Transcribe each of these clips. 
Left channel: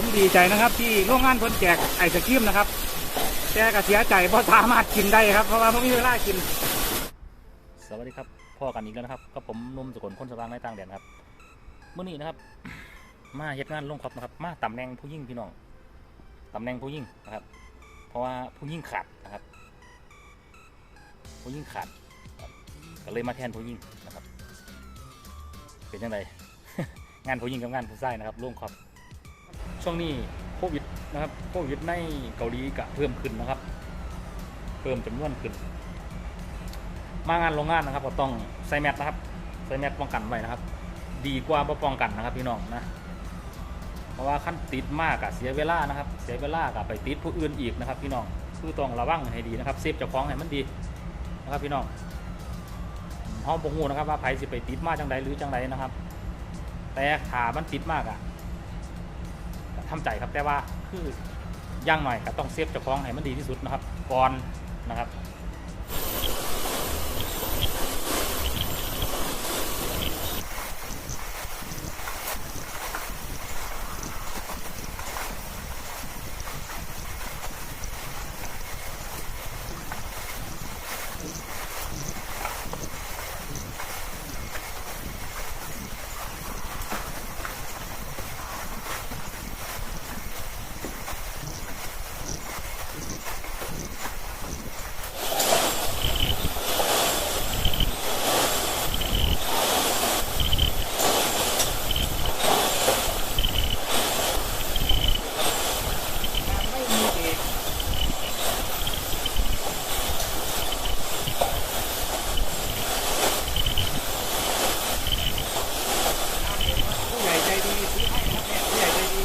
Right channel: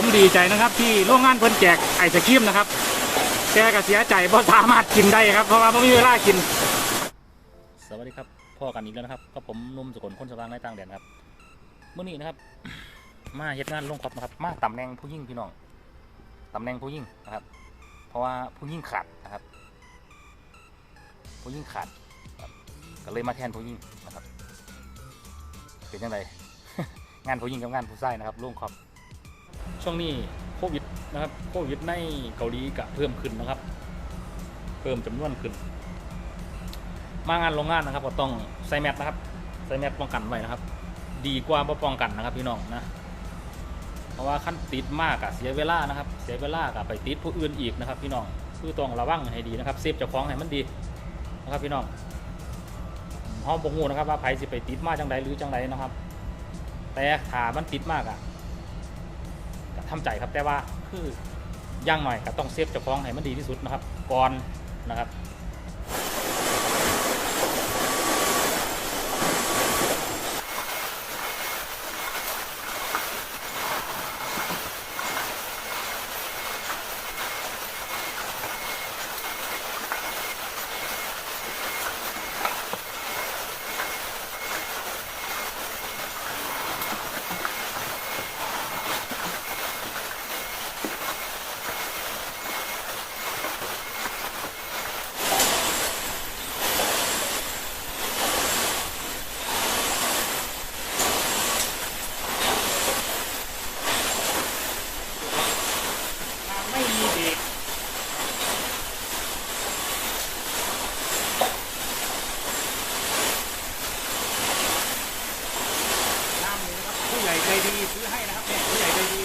ผมดีใจนะครับที่โรงงานเพิ่นแจกไอศครีมนะครับแกก็เสียใจเพราะสามารถกินได้ครับเพราะว่าไม่มีเวลากิน สวัสดีครับพ่อกันอีกแล้วนะครับก็ผมนุ่มสกุลคนสว่างในต่างแดนครับเมื่อนี้นะครับ มาเฮ็ดงานลงครอบนะครับ มาตำแหน่งผู้ยิ่งพี่น้องตำแหน่งผู้ยิ่งนะครับ เพราะว่าผู้ยิ่งขาดนะครับ ผู้ยิ่งขาดก็เลยมาแทนผู้ยิ่งนะครับ เป็นยังไงงานผู้ยิ่งกับงานผู้ชายนะครับลงครอบ ช่วงนี้โควิดนะครับโควิดในเกาหลีก็เพิ่มขึ้นนะครับ เพิ่มจำนวนขึ้น มางานโรงงานนะครับ ก็ต้องใส่แมสนะครับใส่แมสป้องกันไว้นะครับ ดีกว่าป้องกันนะครับพี่น้องนะเพราะว่าขั้นติดมากอะเสียเวลานะครับ เสียเวลากับไปติดผู้อื่นอีกนะครับ พี่น้องคือต้องระวังให้ดีนะครับเซฟเจ้าของให้มันดีนะครับพี่น้องห้องปงูนะครับว่าไผสิไปติดมากจังใดหรือจังใดนะครับ แต่ถามันติดมากอะ ทำใจครับแต่ว่าคืออย่างหน่อยก็ต้องเซฟเจ้าของให้มันดีที่สุดนะครับก่อนนะครับ ผู้ใหญ่ใจดีซื้อให้นะครับเนี่ยผู้ใหญ่ใจดี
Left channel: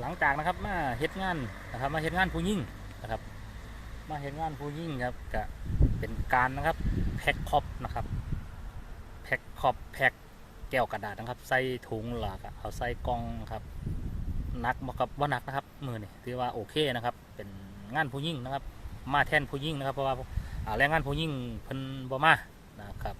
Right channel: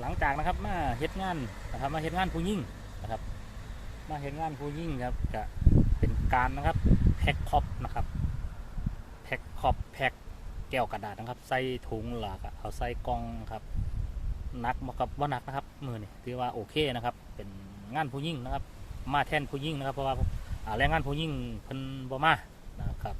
หลัง จากนะครับมาเฮ็ดงานนะครับ มาเฮ็ดงานผู้ยิ่งนะครับ มาเฮ็ดงานผู้ยิ่งครับก็เป็นการนะครับแพ็คคอปนะครับแพ็คคอปแพ็คแก้วกระดาษนะครับ ใส่ถุงหลากเอาใส่กล่องครับนักบ่กับว่านักนะครับมือนี่ถือว่าโอเคนะครับ เป็นงานผู้ยิ่งนะครับ มาแทนผู้ยิ่งนะครับ เพราะว่าอ่าแรงงานผู้ยิ่งเพิ่นบ่มานะครับ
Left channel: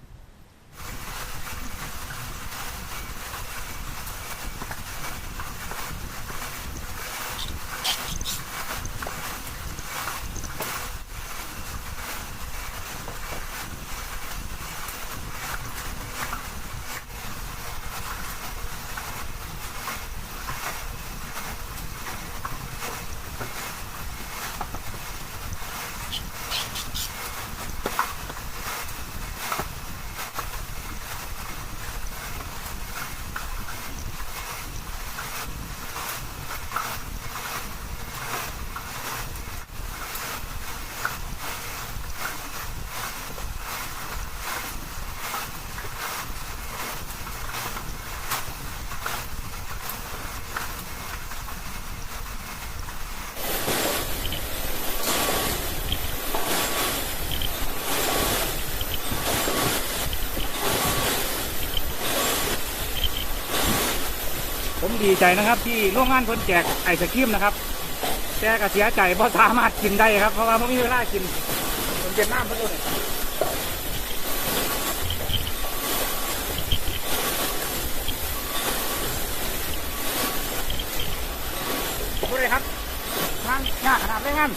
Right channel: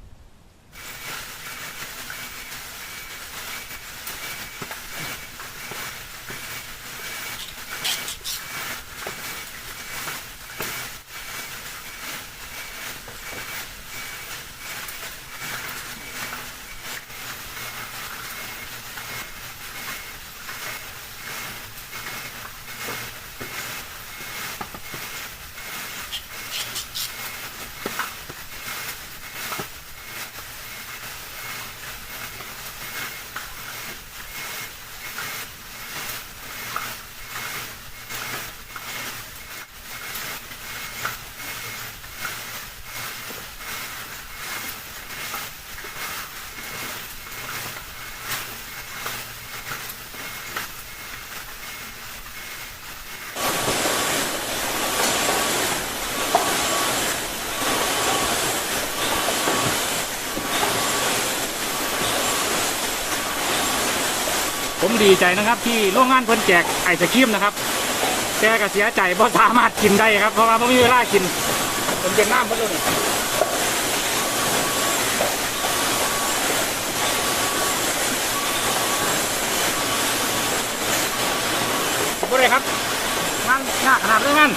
ผมดีใจนะครับที่โรงงานเพิ่นแจกไอศครีมนะครับแกก็เสียใจเพราะสามารถกินได้ครับเพราะว่าไม่มีเวลากินผมเป็นน้ำเพิ่นเลยบ่ได้ครับงานหน้าขนาดเลยงาน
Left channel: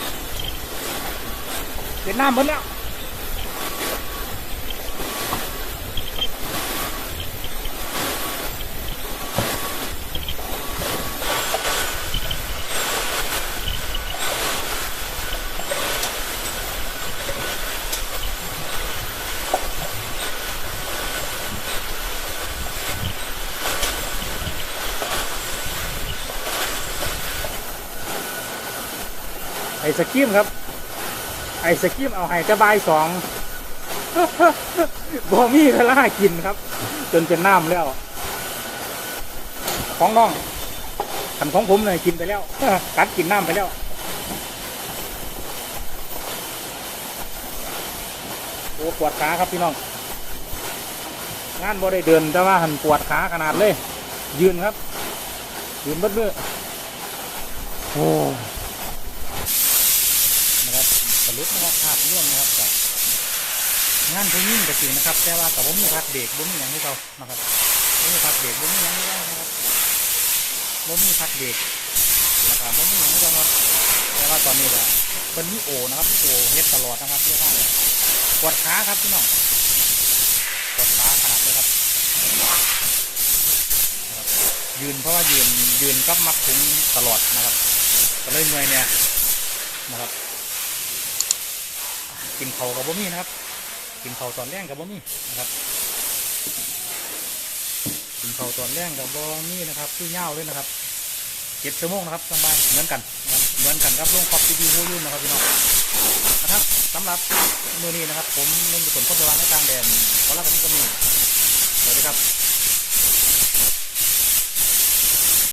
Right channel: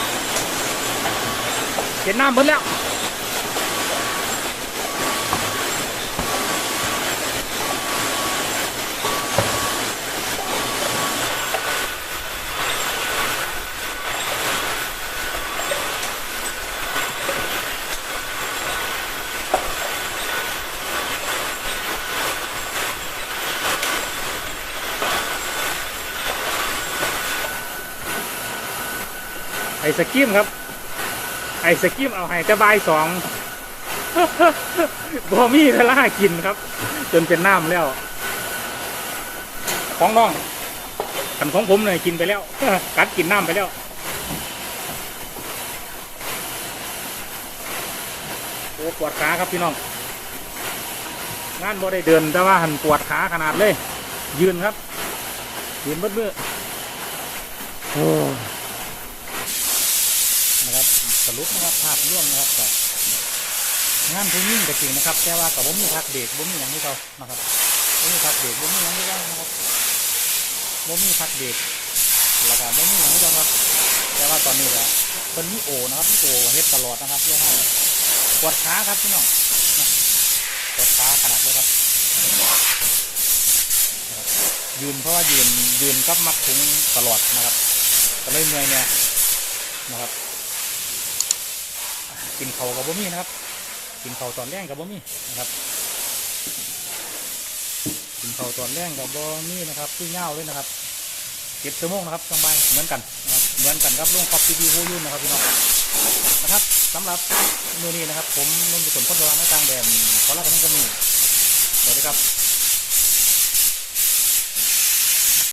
เห็นน้ำเพิ่นแล้ว ไอศกรีมครับ ไอศกรีมเอาให้แต่บายสองบ่มีเวลากินครับ จนเป็นน้ำแล้ว ของน้องขันของผมเลยกินไปแล้ว กัดกินน้ำไปแล้วโอ้ปวดขาครับพี่น้อง งานบ่ได้เดินแต่ว่าหันปวดขาขนาดเลย ยืนครับ ยืนเบิดเบ้อโอ้ รุปนะครับภาพร่วมนะครับกับงานผู้ยิ่งก็จริงนะครับ แต่ว่ากับบ่มีพักเบรกบ่มีอย่างที่เขานะครับบ่มีพักเบรกบ่มีอย่างที่เขานะครับบ่มีพักเบรกแล้วก็บ่มีอย่างที่เขาครับแต่ว่าตอนนี้ก็เป็นมีโอนะครับโอเฮ็ดตลอดนะครับเรื่องนั้นปวดขาครับพี่น้องปวดขาขนาดเลยครับ ยืนเพราะว่ายืนยืนกับมัดถุงตลอดนะครับก็เลยเมื่อยเนี่ยนะครับ กินเขากับบ่มี่นะครับ กินเขาตอนแรงกับบ่มี่นะครับ กินเขาตอนแรงกับบ่มี่นะครับคือเง่าวเลยนะครับเจ็ดชั่วโมงนะครับต้องไปเหมือนกันนะครับเหมือนกันครับลุงคอปทีวีฮูยุ่นนะครับพี่น้องนะครับสำหรับมือนี้นะครับ ผมนุ่มสุขนคนระวังในกลางแดนขอลากันนี้ก็มีสวัสดีครับ